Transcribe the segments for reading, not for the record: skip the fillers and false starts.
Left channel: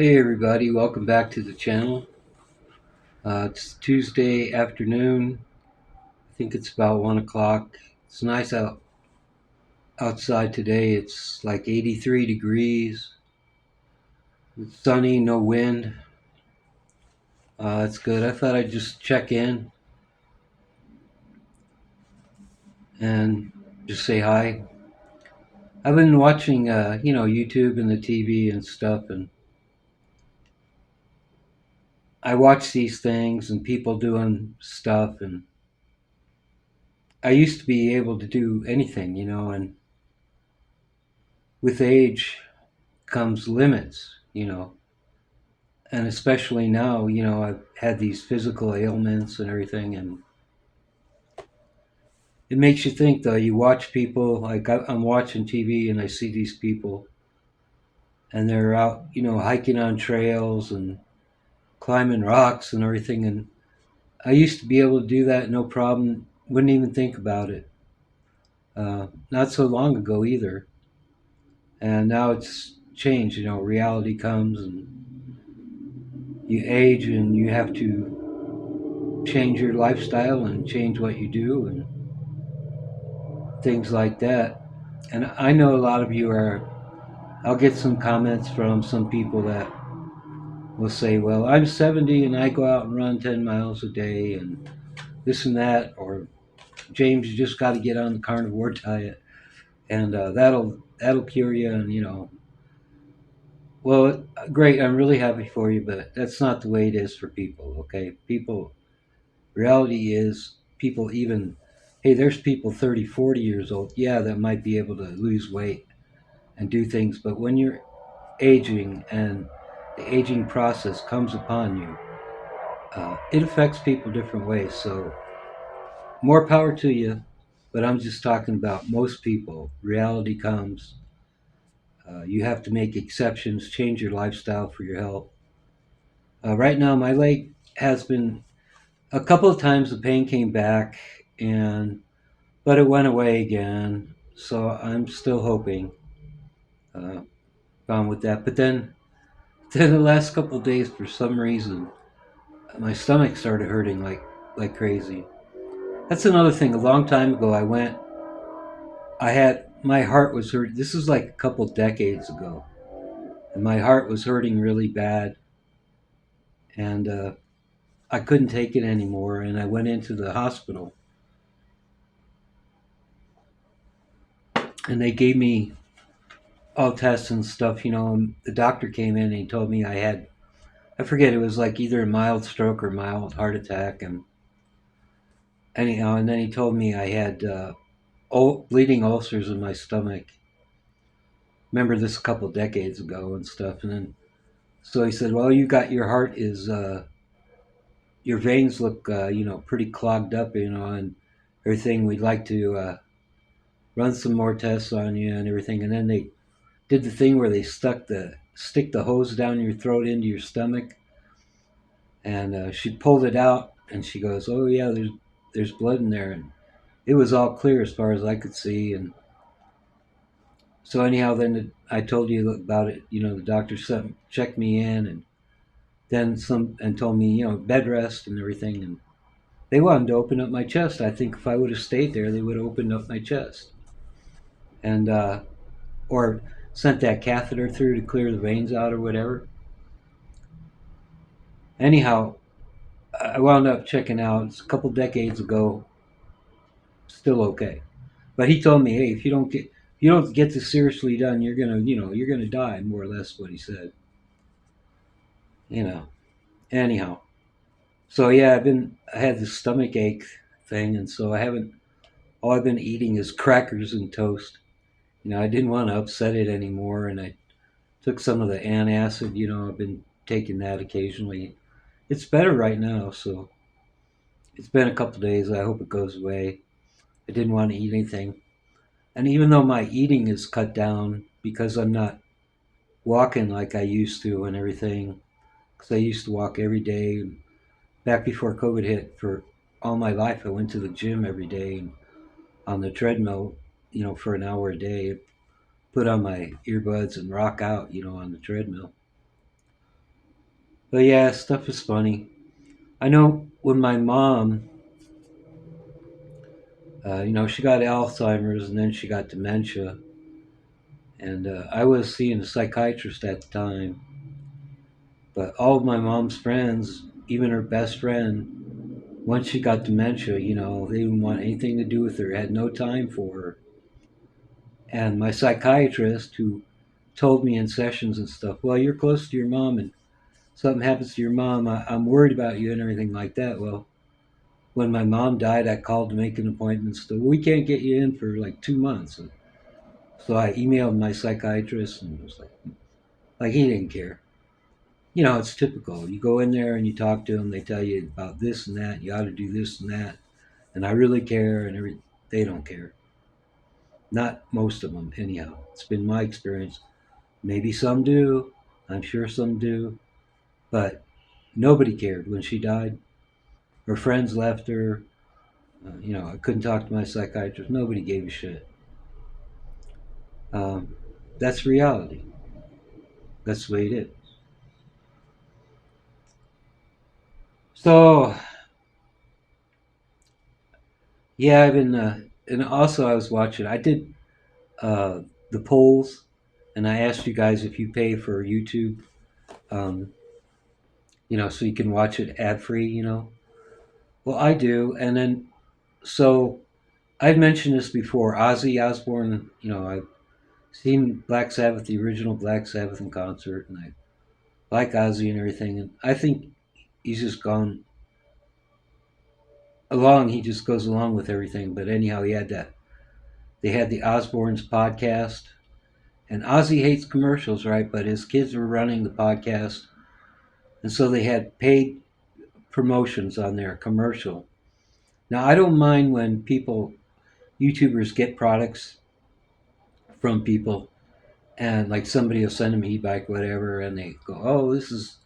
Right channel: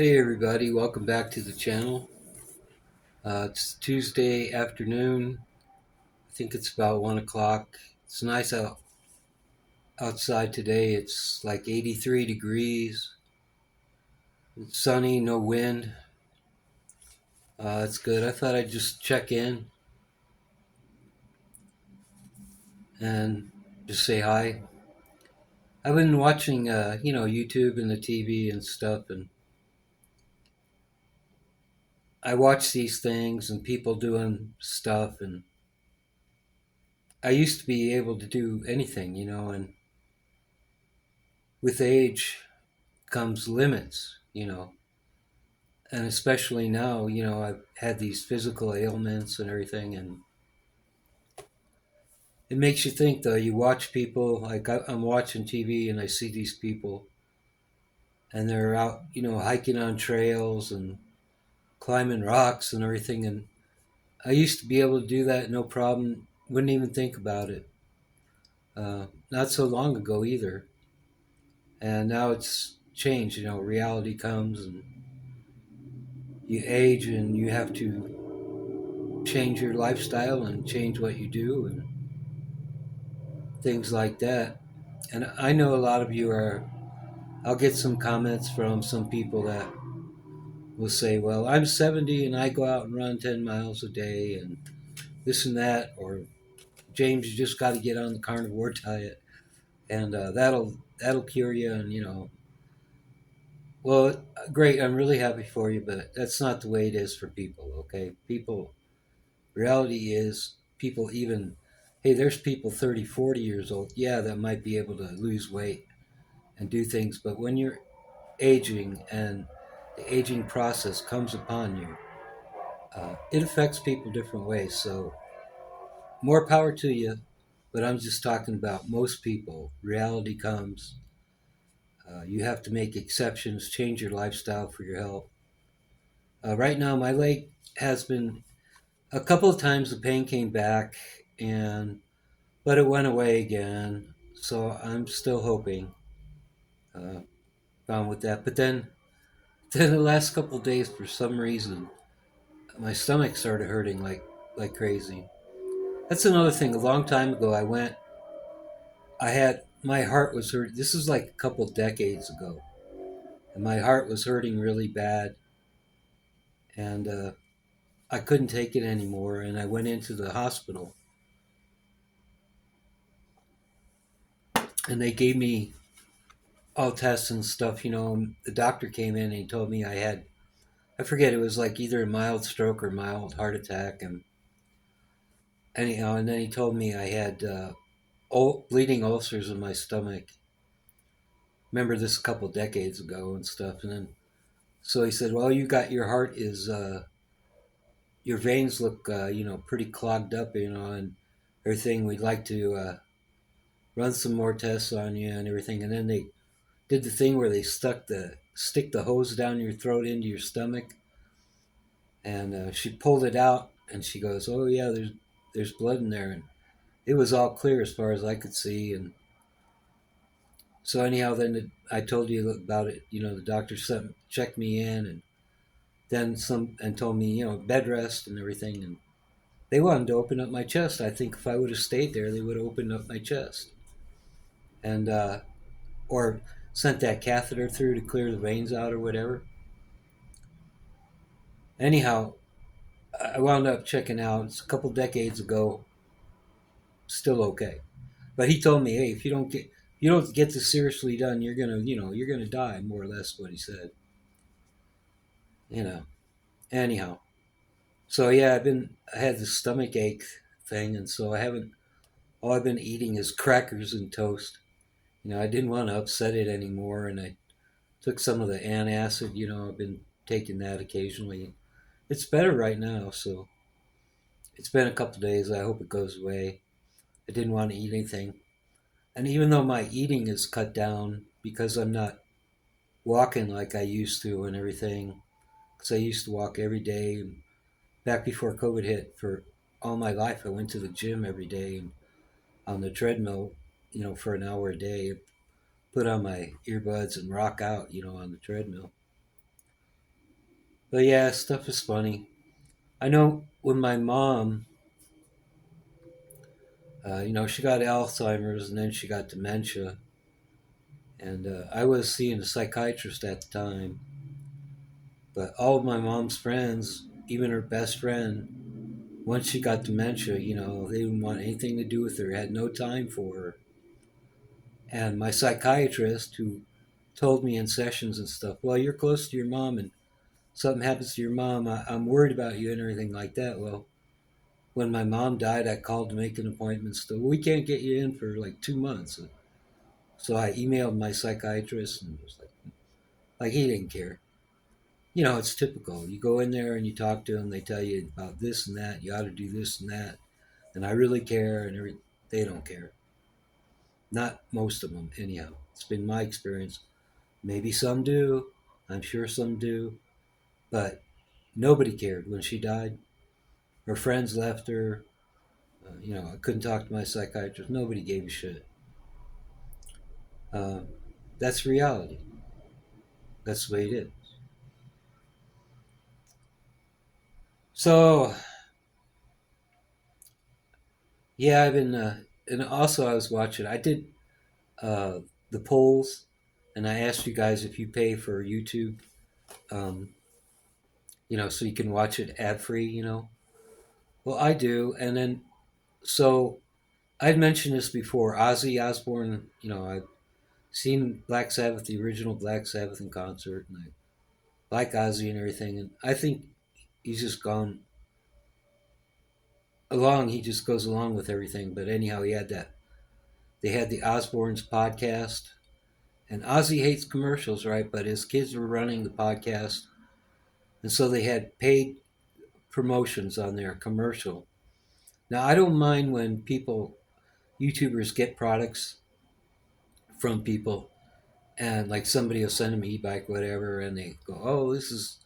Hey everybody, welcome back to the channel. It's Tuesday afternoon. I think it's about 1 o'clock. It's nice outside today. It's like 83 degrees. It's sunny, no wind. It's good. I thought I'd just check in and just say hi. I've been watching, YouTube and the TV and stuff, and I watch these things and people doing stuff, and I used to be able to do anything, and with age comes limits. And especially now, I've had these physical ailments and everything, and it makes you think. Though you watch people, like I'm watching TV, and I see these people, and they're out, hiking on trails and climbing rocks and everything. And I used to be able to do that no problem. Wouldn't even think about it. Not so long ago either, and now it's changed. Reality comes, and you age, and you have to change your lifestyle and change what you do and things like that. And I know a lot of you are, I'll get some comments from some people that will say, well, I'm 70 and I go out and run 10 miles a day and this and that. Or, James, you just got to get on the carnivore diet and that'll cure you. And, well, great. I'm really happy for you, but that's not the way it is for people, okay? Reality is people even, hey, there's people 30, 40 years old, yeah, that might be able to lose weight and do things. But when you're aging and the aging process comes upon you, it affects people different ways. So more power to you. But I'm just talking about most people. Reality comes. You have to make exceptions, change your lifestyle for your health. Right now, my leg has been a couple of times the pain came back, and but it went away again. So I'm still hoping, uh, gone with that. But then the last couple of days, for some reason, my stomach started hurting like crazy. That's another thing. A long time ago, I had my heart was hurt. This is like a couple decades ago, and my heart was hurting really bad, and I couldn't take it anymore. And I went into the hospital, and they gave me all tests and stuff. And the doctor came in and he told me I forget, it was like either a mild stroke or mild heart attack, and anyhow, and then he told me I had bleeding ulcers in my stomach. Remember this a couple decades ago and stuff, and then so he said, "Well, you got your heart is your veins look pretty clogged up, and everything. We'd like to run some more tests on you and everything." And then they did the thing where they stick the hose down your throat into your stomach, and she pulled it out, and she goes, "Oh yeah, there's blood in there," and it was all clear as far as I could see. And so anyhow, then I told you about it. The doctor checked me in, and then some, and told me, bed rest and everything. And they wanted to open up my chest. I think if I would have stayed there, they would have opened up my chest, and or sent that catheter through to clear the veins out or whatever. Anyhow, I wound up checking out. It's a couple decades ago. Still okay, but he told me, hey, if you don't get this seriously done, you're gonna die, more or less what he said. You know. Anyhow, so yeah, I had this stomach ache thing, and so I haven't. All I've been eating is crackers and toast. I didn't want to upset it anymore, and I took some of the antacid. I've been taking that occasionally. It's better right now, so it's been a couple days. I hope it goes away. I didn't want to eat anything, and even though my eating is cut down because I'm not walking like I used to and everything, because I used to walk every day. Back before COVID hit, for all my life, I went to the gym every day on the treadmill, for an hour a day. Put on my earbuds and rock out, on the treadmill. But yeah, stuff is funny. I know when my mom, she got Alzheimer's and then she got dementia, and I was seeing a psychiatrist at the time. But all of my mom's friends, even her best friend, once she got dementia, they didn't want anything to do with her, had no time for her. And my psychiatrist, who told me in sessions and stuff, well, you're close to your mom, and something happens to your mom, I'm worried about you and everything like that. Well, when my mom died, I called to make an appointment. So we can't get you in for like 2 months. So I emailed my psychiatrist and was like he didn't care. It's typical. You go in there and you talk to them. They tell you about this and that. You ought to do this and that. And I really care, and they don't care. Not most of them, anyhow. It's been my experience. Maybe some do. I'm sure some do. But nobody cared when she died. Her friends left her. I couldn't talk to my psychiatrist. Nobody gave a shit. Um, that's reality. That's the way it is. So, yeah, I've been, and also I was watching, I did uh, the polls, and I asked you guys if you pay for YouTube, um, so you can. It ad free. Well, I do. And then, so I've mentioned this before. Ozzy Osbourne, I've seen Black Sabbath, the original Black Sabbath in concert, and I like Ozzy and everything. And I think he's just gone along. He just goes along with everything. But anyhow, they had the Osbournes podcast. And Ozzy hates commercials, right? But his kids were running the podcast. And so they had paid promotions on their commercial. Now, I don't mind when YouTubers get products from people, and like somebody will send them an e-bike, whatever, and they go, oh, this is,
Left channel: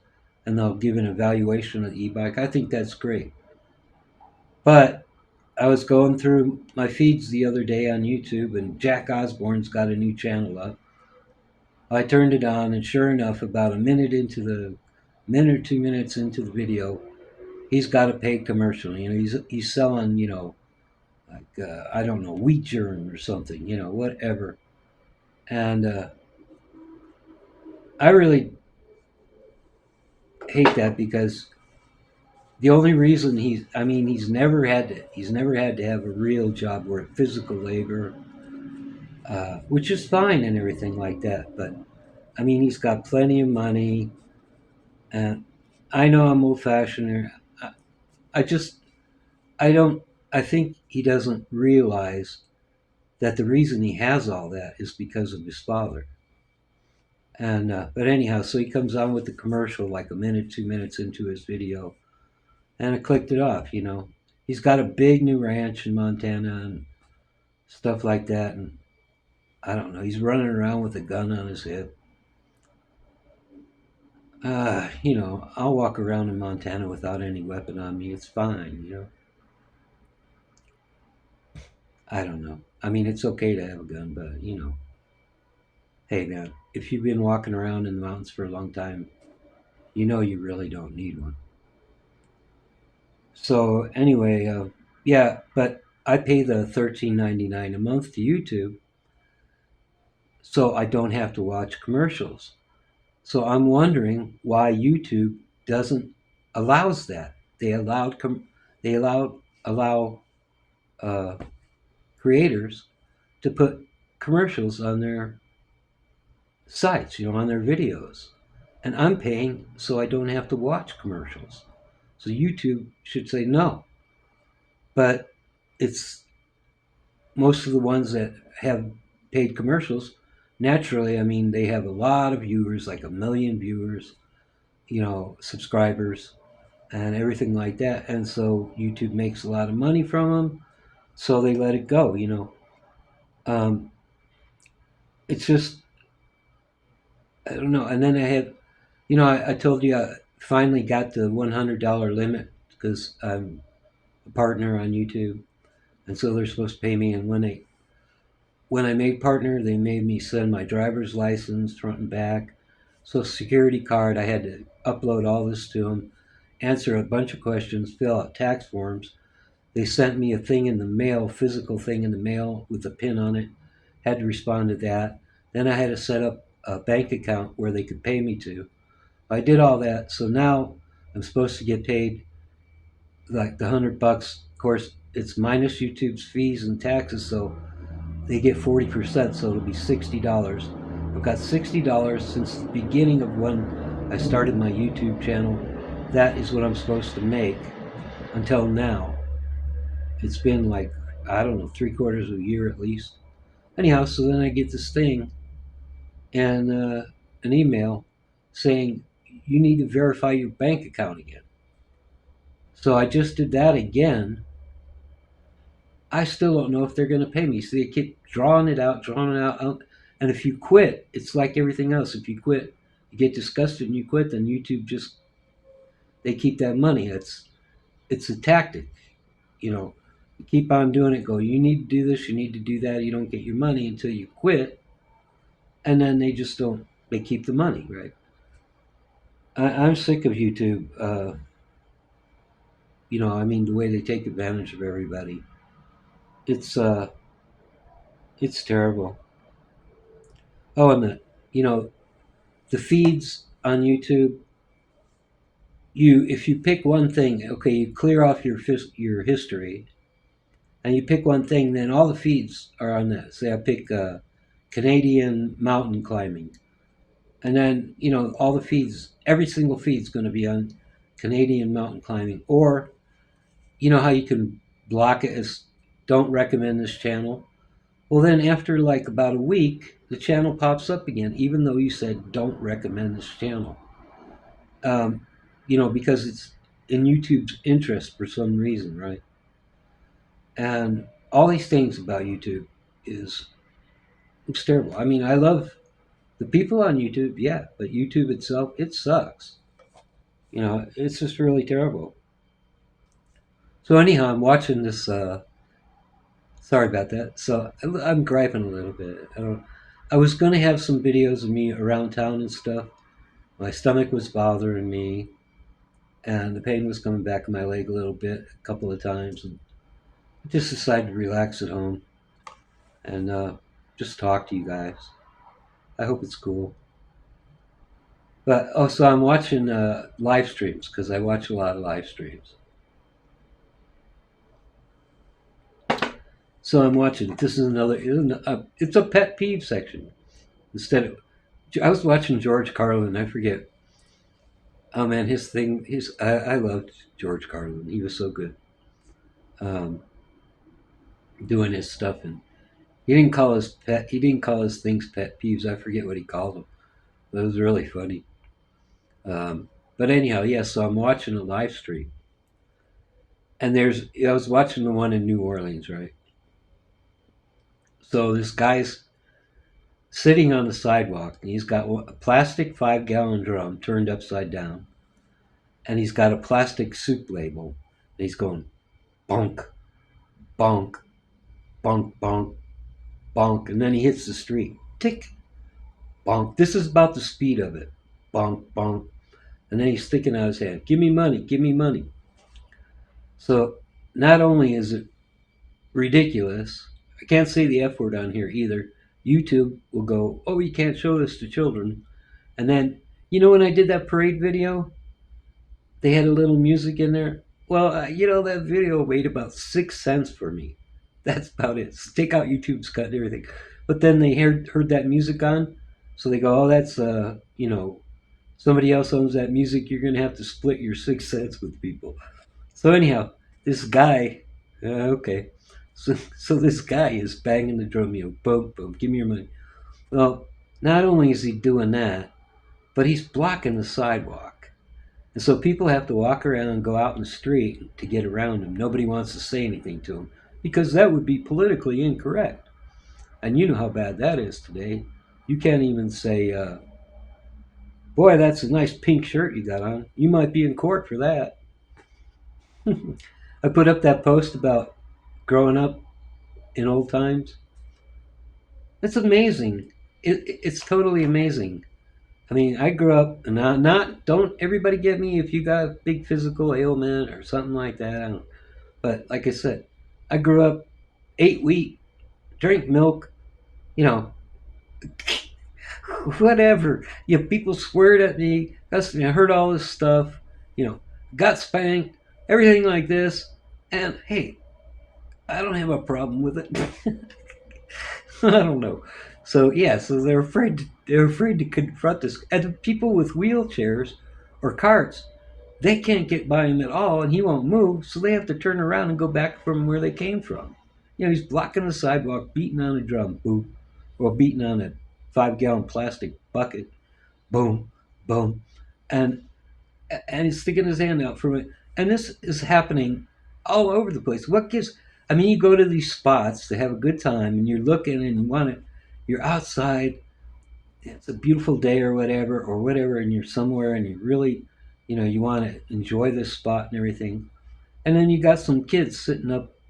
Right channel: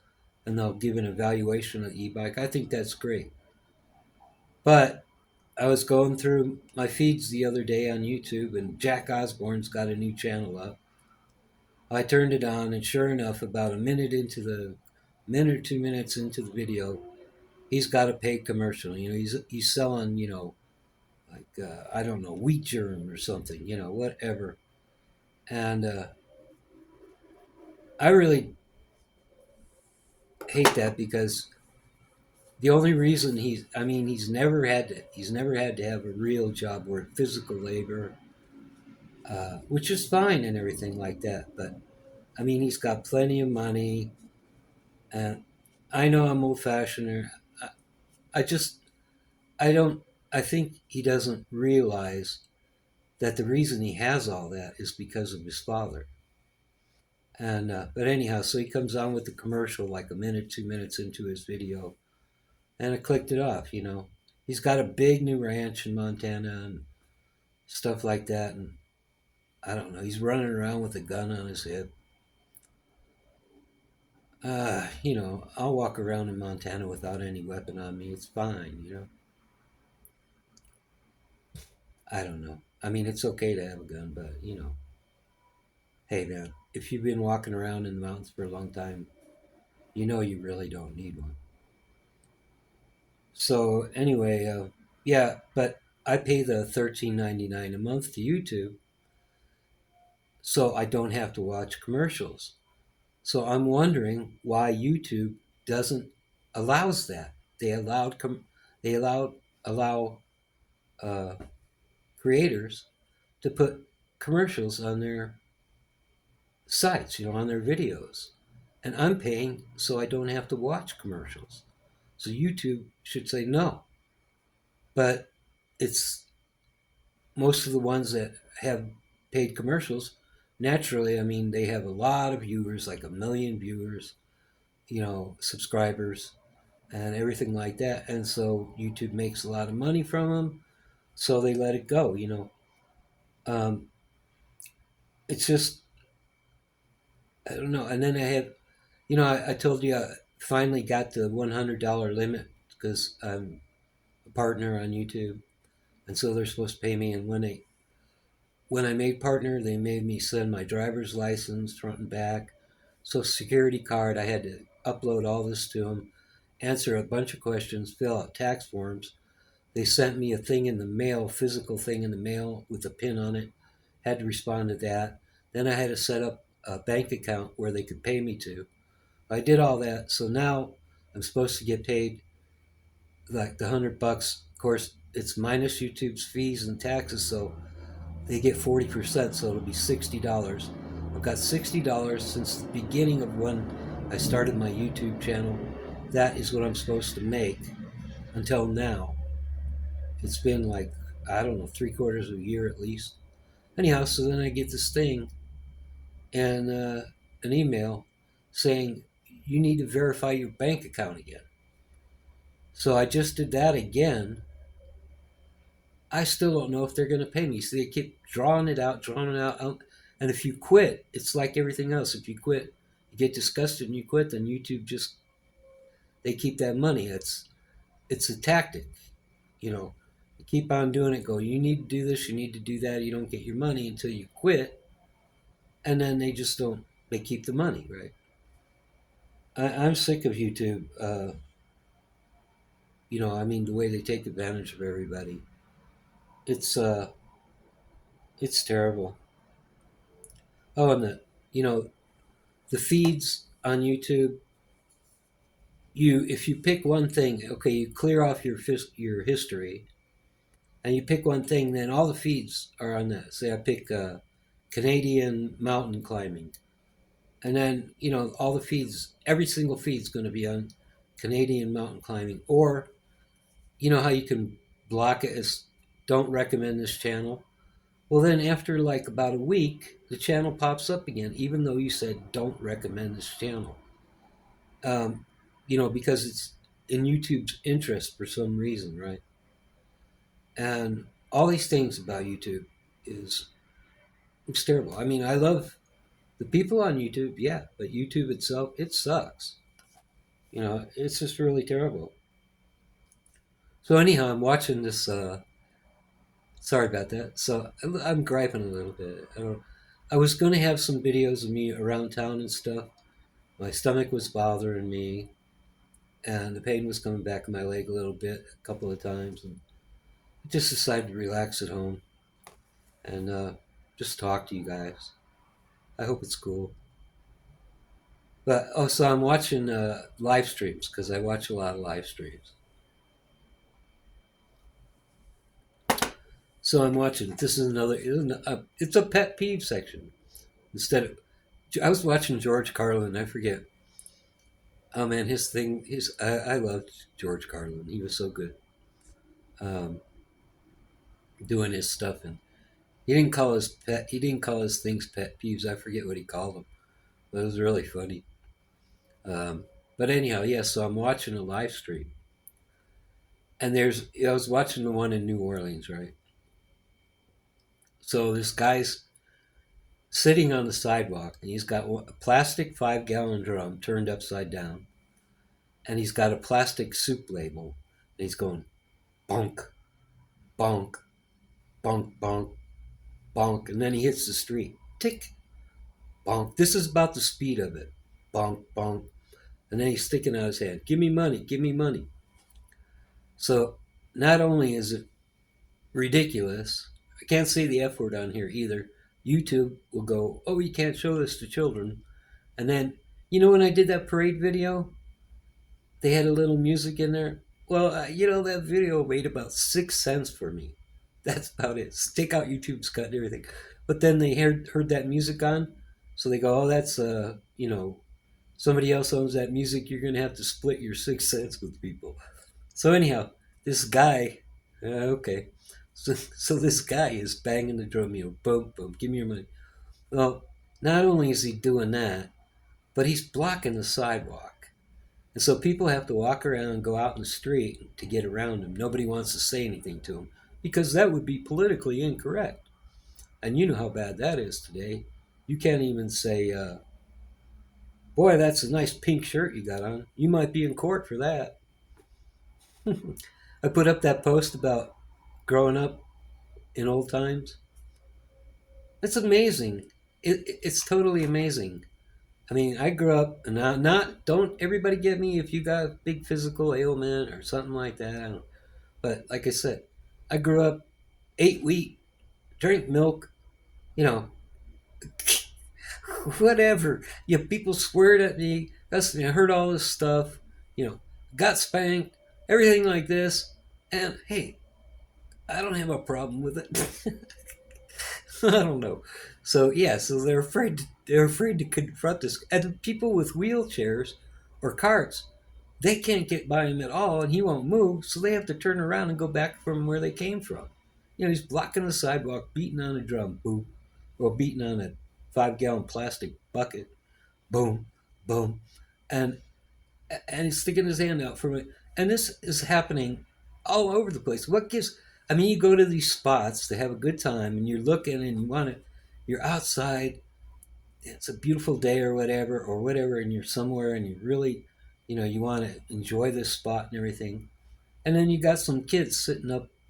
and they'll give an evaluation of the e-bike. I think that's great. But I was going through my feeds the other day on YouTube, and Jack Osborne's got a new channel up. I turned it on, and sure enough, about a minute or 2 minutes into the video, he's got a paid commercial. He's selling, like I don't know, wheat germ or something, whatever. And I really hate that because the only reason he's never had to have a real job where physical labor, which is fine and everything like that. But he's got plenty of money, and I know I'm old fashioned. I just I don't. I think he doesn't realize that the reason he has all that is because of his father. And but anyhow, so he comes on with the commercial like a minute, 2 minutes into his video, and I clicked it off. He's got a big new ranch in Montana and stuff like that, and I don't know. He's running around with a gun on his hip. I'll walk around in Montana without any weapon on me. It's fine. I don't know. It's okay to have a gun, but hey man, if you've been walking around in the mountains for a long time, you really don't need one. So anyway, yeah, but I pay the $13.99 a month to YouTube, so I don't have to watch commercials. So I'm wondering why YouTube doesn't allows that. They allow uh, creators to put commercials on their sites, on their videos, and I'm paying so I don't have to watch commercials. So YouTube should say no, but it's most of the ones that have paid commercials. Naturally, they have a lot of viewers, like a million viewers, subscribers, and everything like that. And so YouTube makes a lot of money from them, so they let it go. Um, it's just, I don't know. And then I told you I finally got the $100 limit because I'm a partner on YouTube, and so they're supposed to pay me. And when I made partner, they made me send my driver's license front and back, Social security card. I had to upload all this to them, answer a bunch of questions, fill out tax forms. They sent me a thing in the mail, physical thing in the mail with a pin on it. Had to respond to that. Then I had to set up a bank account where they could pay me to. I did all that. So now I'm supposed to get paid like the $100. Of course, it's minus YouTube's fees and taxes, so they get 40%, so it'll be $60. I've got $60 since the beginning of when I started my YouTube channel. That is what I'm supposed to make until now. It's been like, I don't know, 3/4 of a year at least. Anyhow, so then I get this thing and an email saying you need to verify your bank account again. So I just did that again. I still don't know if they're going to pay me. So they keep drawing it out, drawing it out. And if you quit, it's like everything else. If you quit, you get disgusted and you quit, then YouTube just, they keep that money. It's a tactic. You know, you keep on doing it, go, you need to do this, you need to do that. You don't get your money until you quit. And then they just don't, they keep the money, right? I'm sick of YouTube. I mean, the way they take advantage of everybody. It's uh, it's terrible. Oh, and you know, the feeds on YouTube. If you pick one thing, okay, you clear off your history, and you pick one thing, then all the feeds are on that. Say I pick Canadian mountain climbing, and then all the feeds, every single feed's going to be on Canadian mountain climbing. Or you know how you can block it as don't recommend this channel. Well, then after like about a week, the channel pops up again, even though you said don't recommend this channel. Because it's in YouTube's interest for some reason, right? And all these things about YouTube is it's terrible. I mean, I love the people on YouTube, yeah, but YouTube itself, it sucks. It's just really terrible. So anyhow, I'm watching this. Sorry about that. So I'm griping a little bit. I was gonna have some videos of me around town and stuff. My stomach was bothering me, and the pain was coming back in my leg a little bit, a couple of times, and I just decided to relax at home and just talk to you guys. I hope it's cool. But also, I'm watching live streams because I watch a lot of live streams. So I'm watching. This is another. It's a pet peeve section. Instead of, I was watching George Carlin. I forget. Oh man, his thing. I loved George Carlin. He was so good. Um, Doing his stuff, and he didn't call his pet. He didn't call his things pet peeves. I forget what he called them. But it was really funny. But anyhow, yeah. So I'm watching a live stream, and I was watching the one in New Orleans, right? So this guy's sitting on the sidewalk, and he's got a plastic 5-gallon drum turned upside down, and he's got a plastic soup label, and he's going bonk, bonk, bonk, bonk, bonk, and then he hits the street. Tick, bonk. This is about the speed of it. Bonk, bonk. And then he's sticking out his hand. Give me money, give me money. So not only is it ridiculous, I can't say the F word on here either. YouTube will go, oh, you can't show this to children. And then, when I did that parade video, they had a little music in there. Well, that video made about 6 cents for me. That's about it. Stick out YouTube's cut and everything. But then they heard that music on, so they go, oh, that's somebody else owns that music. You're gonna have to split your 6 cents with people. So anyhow, this guy, okay, so this guy is banging the drum, boom, boom, give me your money. Well, not only is he doing that, but he's blocking the sidewalk. And so people have to walk around and go out in the street to get around him. Nobody wants to say anything to him because that would be politically incorrect. And you know how bad that is today. You can't even say, boy, that's a nice pink shirt you got on. You might be in court for that. I put up that post about growing up in old times. It's amazing. It's totally amazing. I mean, I grew up, and not don't everybody get me if you got a big physical ailment or something like that. I don't, but like I said, I grew up, ate wheat, drank milk, you know, whatever. You know, people sweared at me. I heard all this stuff. You know, got spanked, everything like this, and hey, I don't have a problem with it. I don't know. So yeah, so they're afraid to confront this. And people with wheelchairs or carts, they can't get by him at all, and he won't move. So they have to turn around and go back from where they came from. You know, he's blocking the sidewalk, beating on a drum, boom, or beating on a 5 gallon plastic bucket, boom, boom, and and he's sticking his hand out from it. And this is happening all over the place. What gives? I mean, you go to these spots to have a good time, and you're looking, and you want to. You're outside. It's a beautiful day, or whatever, and you're somewhere, and you really, you want to enjoy this spot and everything. And then you got some kids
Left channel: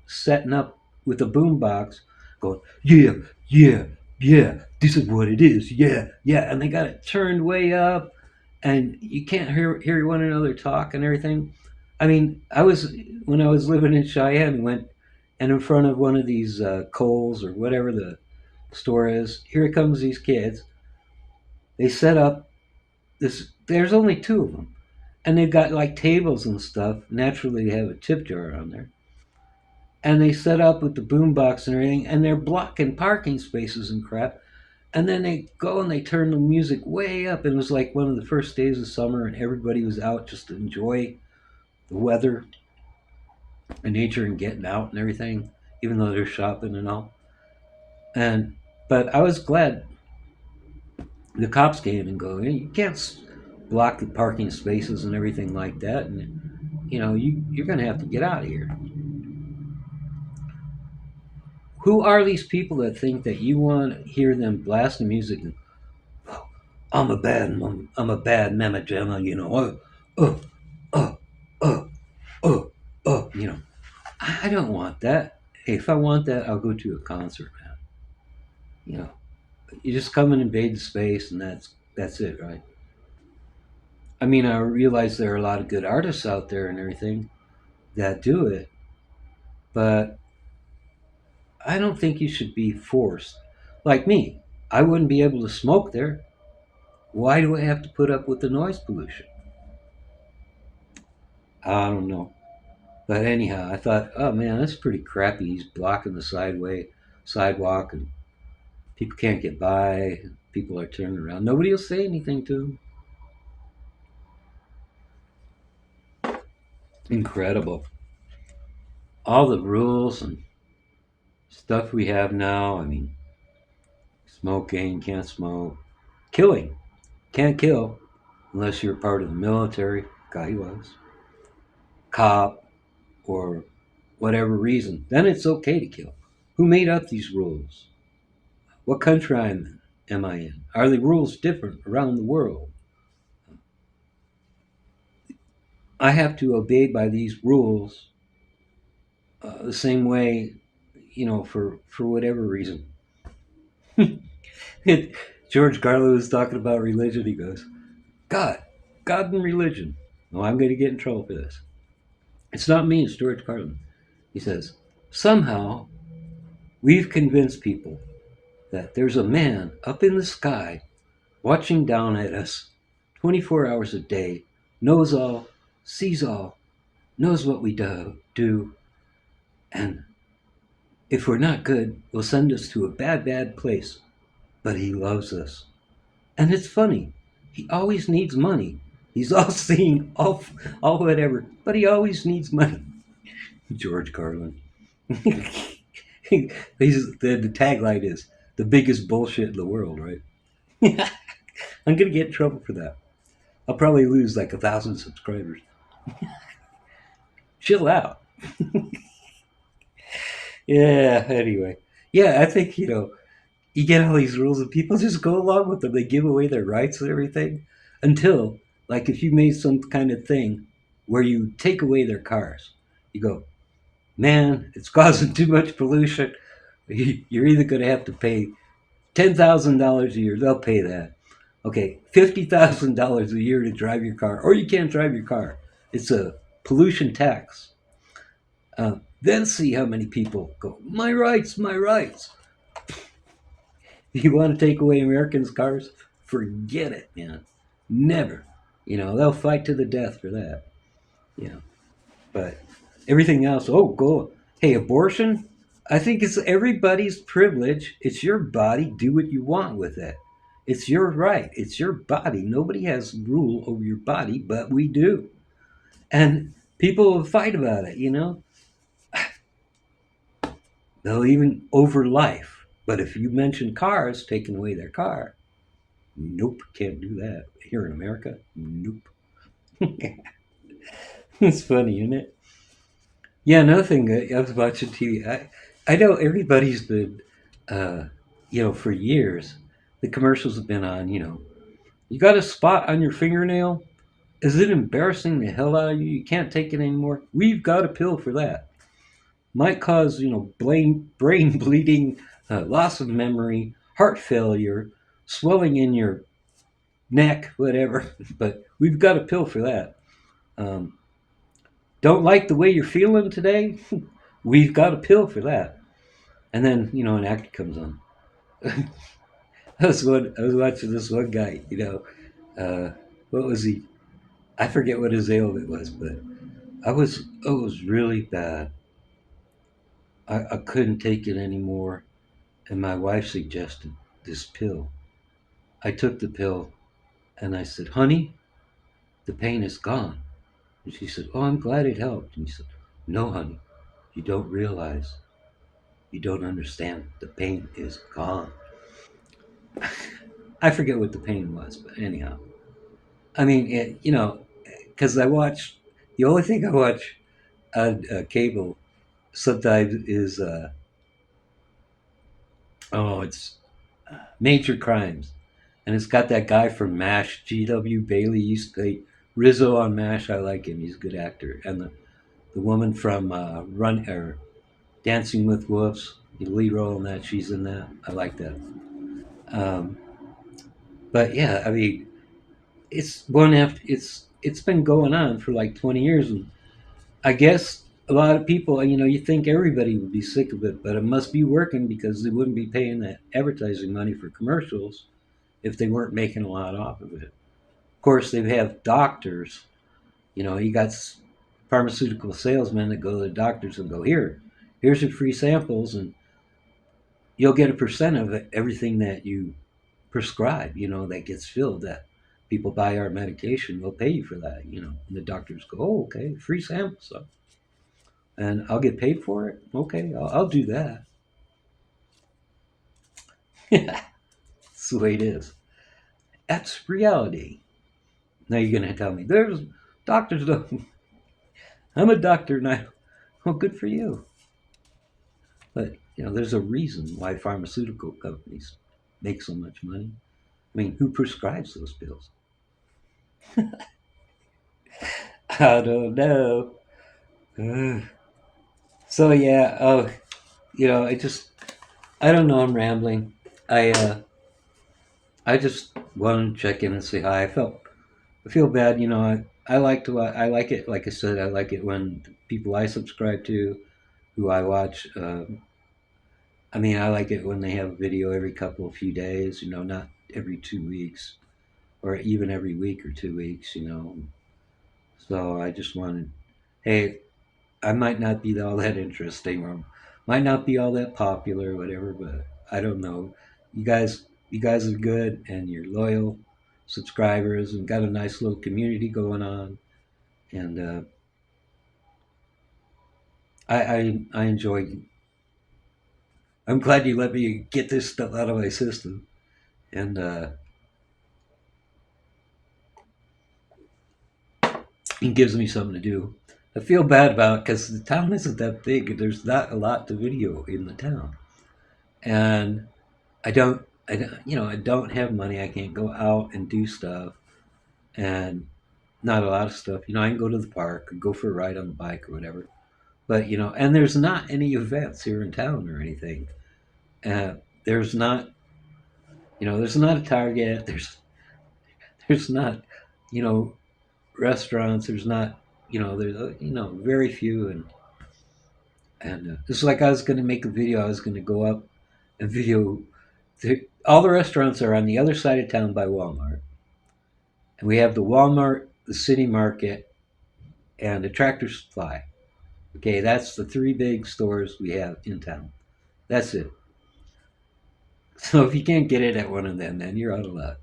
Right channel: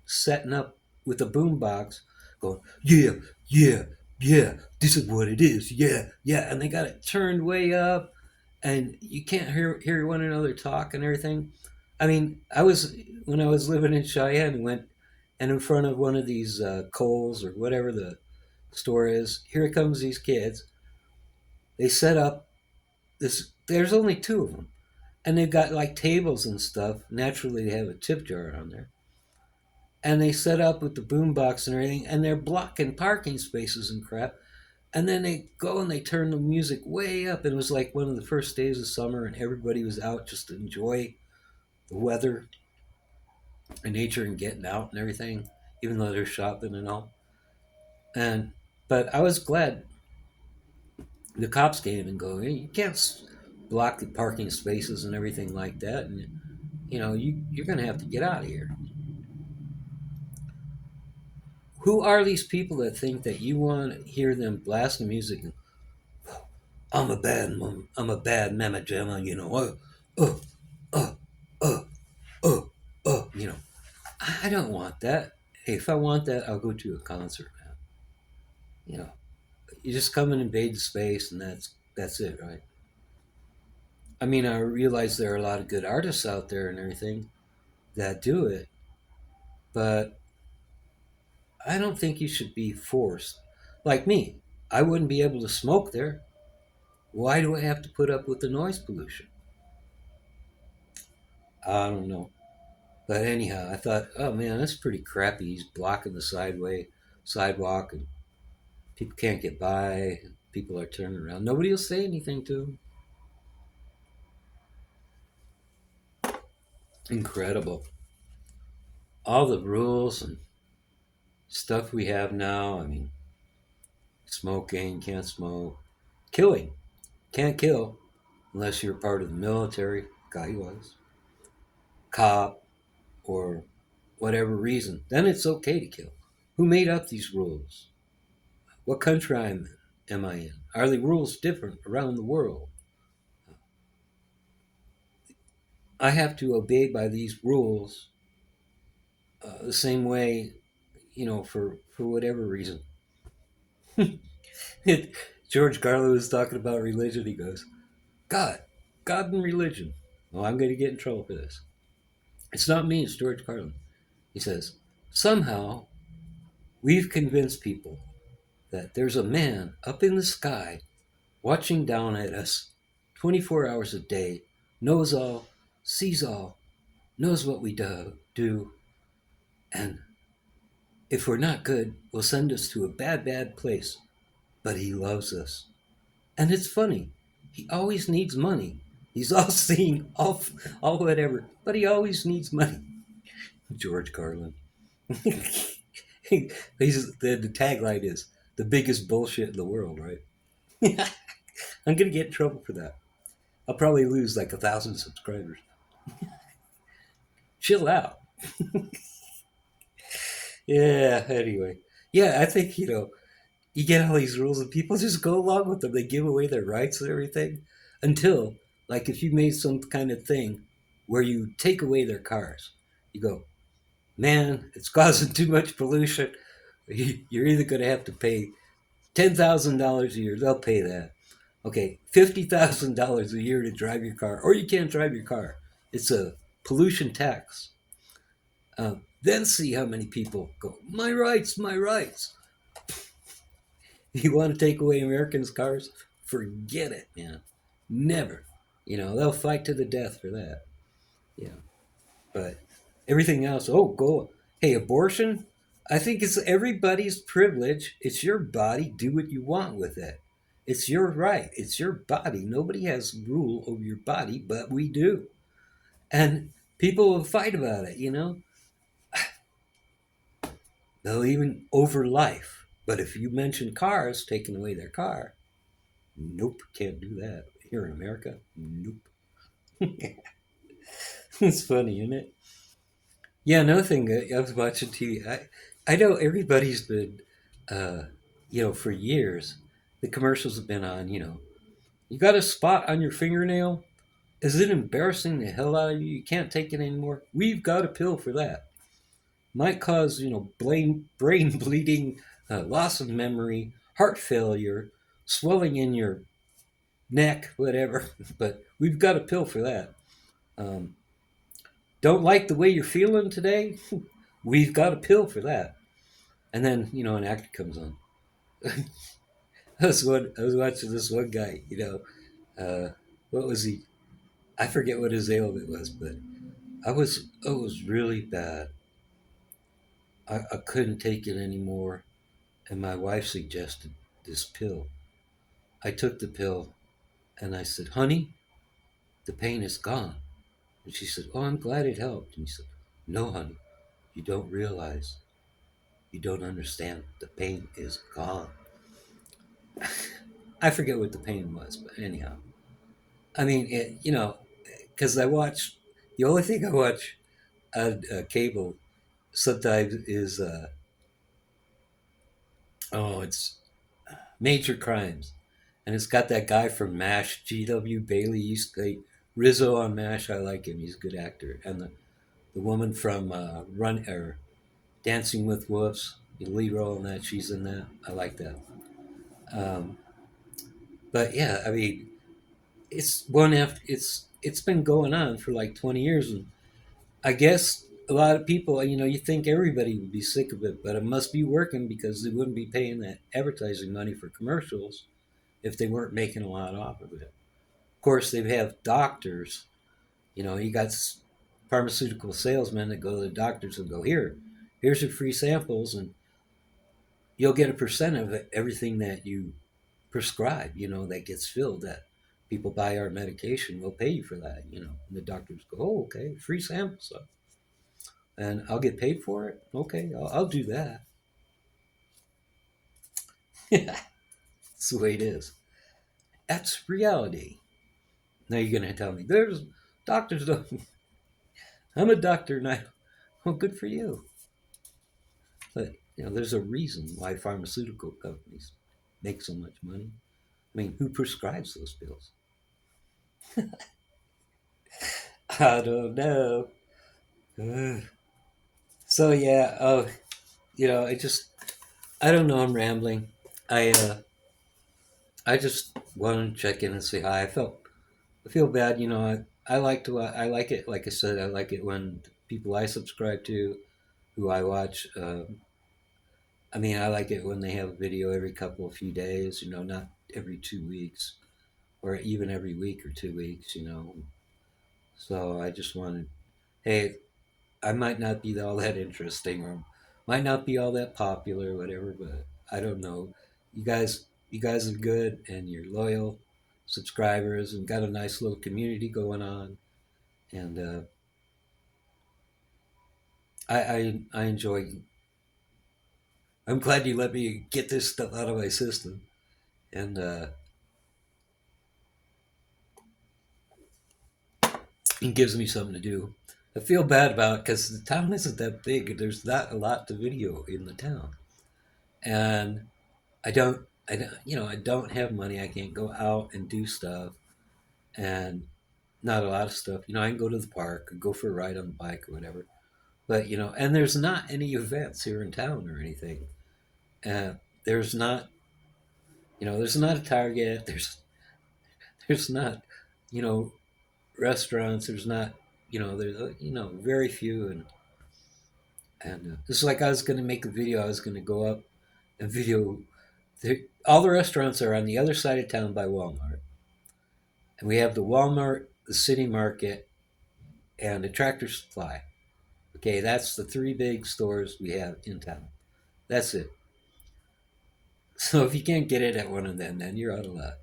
setting up with a boombox, going, yeah, yeah, yeah, this is what it is, yeah, yeah, and they got it turned way up, and you can't hear one another talk and everything. I mean, when I was living in Cheyenne, went and in front of one of these Kohl's or whatever the store is. Here comes these kids. They set up this. There's only two of them, and they've got like tables and stuff. Naturally, they have a tip jar on there, and they set up with the boombox and everything, and they're blocking parking spaces and crap. And then they go and they turn the music way up. It was like one of the first days of summer, and everybody was out just to enjoy the weather and nature and getting out and everything, even though they're shopping and all. And but I was glad the cops came and go, hey, you can't block the parking spaces and everything like that, and you're going to have to get out of here. Who are these people that think that you want to hear them blasting music and oh, I'm a bad mama jamma, uh, uh, uh, uh, I don't want that. Hey, if I want that, I'll go to a concert, man. You know, you just come and invade the space, and that's it, right? I mean, I realize there are a lot of good artists out there and everything that do it, but I don't think you should be forced. Like me, I wouldn't be able to smoke there. Why do I have to put up with the noise pollution? I don't know. But anyhow, I thought, oh man, that's pretty crappy. He's blocking the sidewalk, and people can't get by. People are turning around. Nobody will say anything to him. Incredible. All the rules and stuff we have now. I mean, smoking, can't smoke. Killing, can't kill unless you're part of the military. Guy was. Cop, or whatever reason. Then it's okay to kill. Who made up these rules? What country am I in? Are the rules different around the world? I have to obey by these rules the same way, for whatever reason. George Carlin was talking about religion. He goes, God, God and religion. No, I'm going to get in trouble for this. It's not me, it's George Carlin. He says, somehow we've convinced people that there's a man up in the sky watching down at us 24 hours a day, knows all, sees all, knows what we do, and if we're not good, will send us to a bad, bad place. But he loves us. And it's funny. He always needs money. He's all seeing, all whatever, but he always needs money. George Carlin. The tagline is the biggest bullshit in the world, right? I'm gonna get in trouble for that. I'll probably lose like 1,000 subscribers. Chill out. Yeah. Anyway, yeah, I think you get all these rules and people just go along with them. They give away their rights and everything until, like, if you made some kind of thing where you take away their cars, you go, man, it's causing too much pollution. You're either going to have to pay $10,000 a year. They'll pay that. Okay, $50,000 a year to drive your car, or you can't drive your car. It's a pollution tax. Then see how many people go, my rights, my rights. You want to take away Americans' cars? Forget it, man. Never. They'll fight to the death for that. You know, but everything else, oh, go. Hey, abortion? I think it's everybody's privilege. It's your body. Do what you want with it. It's your right. It's your body. Nobody has rule over your body, but we do. And people will fight about it. They'll even over life. But if you mention cars, taking away their car, nope, can't do that. Here in America, nope. It's funny, isn't it? Yeah, another thing, I was watching TV. I know everybody's been, uh, for years, the commercials have been on, you got a spot on your fingernail? Is it embarrassing the hell out of you? You can't take it anymore? We've got a pill for that. Might cause, brain bleeding, loss of memory, heart failure, swelling in your neck, whatever. But we've got a pill for that. Um, don't like the way you're feeling today? We've got a pill for that. And then, an actor comes on. I was watching this one guy, what was he? I forget what his ailment was, but it was really bad. I couldn't take it anymore. And my wife suggested this pill. I took the pill and I said, honey, the pain is gone. And she said, oh, I'm glad it helped. And he said, no, honey, you don't realize, you don't understand. The pain is gone. I forget what the pain was, but anyhow. I mean, because the only thing I watch on cable sometimes is, it's Major Crimes. And it's got that guy from MASH, G.W. Bailey. He used to play Rizzo on MASH. I like him. He's a good actor. And the woman from Dancing with Wolves, the lead role in that, she's in that. I like that. Um, but yeah, I mean, it's been going on for like 20 years, and I guess a lot of people, you think everybody would be sick of it, but it must be working because they wouldn't be paying that advertising money for commercials if they weren't making a lot off of it. Of course, they have doctors. You got pharmaceutical salesmen that go to the doctors and go, here's your free samples, and you'll get a percent of it, everything that you prescribe, that gets filled, that people buy our medication, we'll pay you for that. And the doctors go, oh, okay, free samples. So, and I'll get paid for it. Okay, I'll do that. That's the way it is. That's reality. Now you're going to tell me, there's doctors, don't. I'm a doctor and oh, good for you. But, there's a reason why pharmaceutical companies make so much money. I mean, who prescribes those pills? I don't know. Ugh. So yeah, I don't know. I'm rambling. I just wanted to check in and say hi. I feel bad. I like it. Like I said, I like it when people I subscribe to, who I watch. I mean, I like it when they have a video every couple of few days. Not every 2 weeks or even every week or 2 weeks. So I just wanted, hey, I might not be all that interesting or might not be all that popular or whatever, but I don't know. You guys are good and you're loyal subscribers and got a nice little community going on. And I enjoy. I'm glad you let me get this stuff out of my system, and it gives me something to do. I feel bad about it because the town isn't that big. There's not a lot to video in the town, and I don't have money. I can't go out and do stuff, and not a lot of stuff. I can go to the park or go for a ride on the bike or whatever. But and there's not any events here in town or anything. Uh, there's not, there's not a Target. there's not, you know, restaurants. There's not, there's very few, and it's like I was going to make a video. I was going to go up and video. All the restaurants are on the other side of town by Walmart, and we have the Walmart, the City Market, and the Tractor Supply. Okay, that's the three big stores we have in town. That's it. So if you can't get it at one of them, then you're out of luck.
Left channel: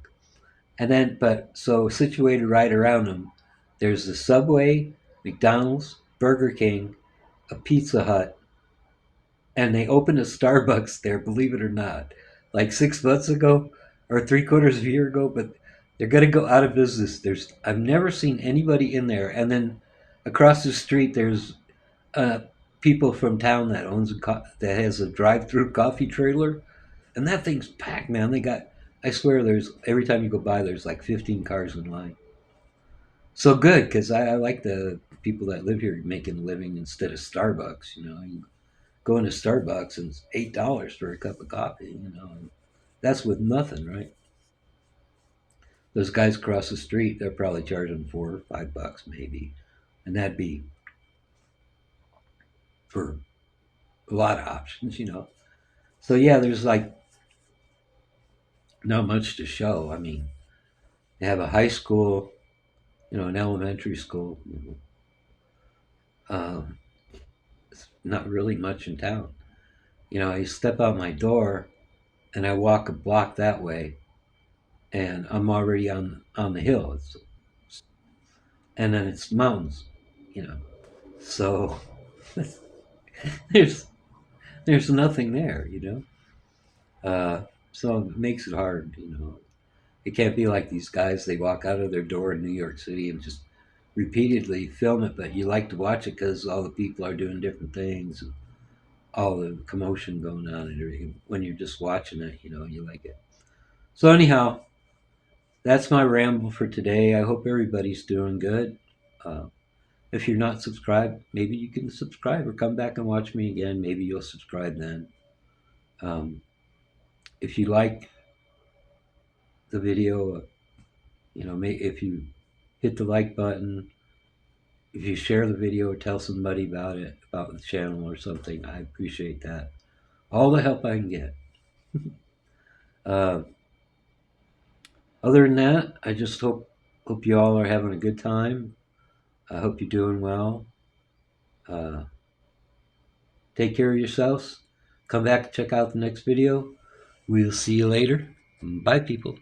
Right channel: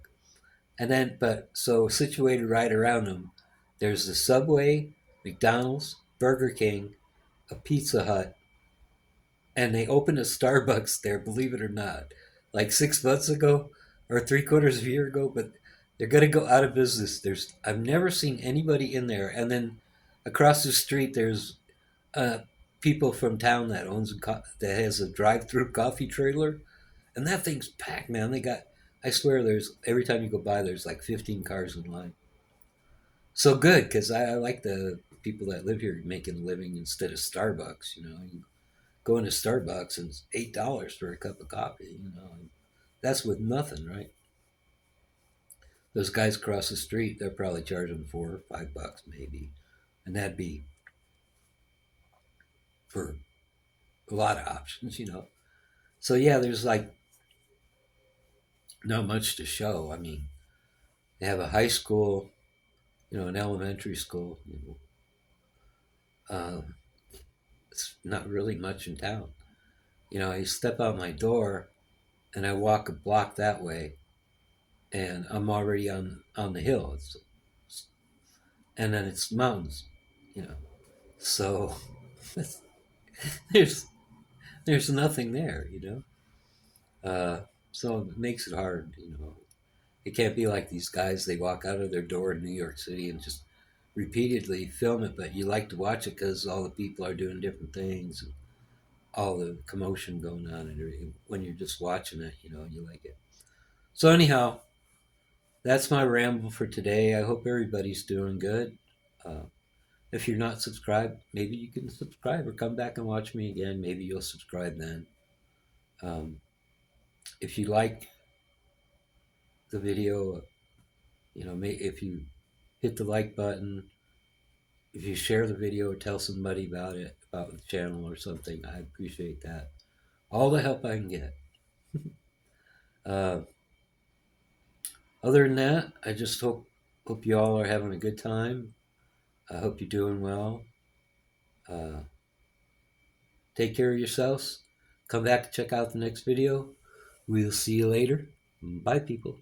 And then, but so situated right around them, there's the Subway, McDonald's, Burger King, a Pizza Hut, and they opened a Starbucks there, believe it or not, like 6 months ago or three-quarters of a year ago. But they're gonna go out of business. I've never seen anybody in there. And then across the street, there's uh, people from town that that has a drive-through coffee trailer, and that thing's packed, man. They got, I swear, there's every time you go by, there's like 15 cars in line. So good, because I like the people that live here making a living instead of Starbucks. You go into Starbucks and it's $8 for a cup of coffee. And that's with nothing, right? Those guys across the street, they're probably charging $4 or $5 maybe, and that'd be for a lot of options. So yeah, there's like not much to show. I mean, they have a high school, an elementary school. Um, it's not really much in town. I step out my door and I walk a block that way, and I'm already on the hill. And then it's mountains, you know. So there's there's nothing there. So it makes it hard. It can't be like these guys. They walk out of their door in New York City and just repeatedly film it, but you like to watch it because all the people are doing different things and all the commotion going on. And when you're just watching it, you like it. So anyhow, that's my ramble for today. I hope everybody's doing good. Uh, if you're not subscribed, maybe you can subscribe or come back and watch me again. Maybe you'll subscribe then. Um, if you like the video, if you hit the like button, if you share the video or tell somebody about it, about the channel or something, I appreciate that. All the help I can get. Uh, other than that, I just hope you all are having a good time. I hope you're doing well. Uh, take care of yourselves. Come back to check out the next video. We'll see you later. Bye, people.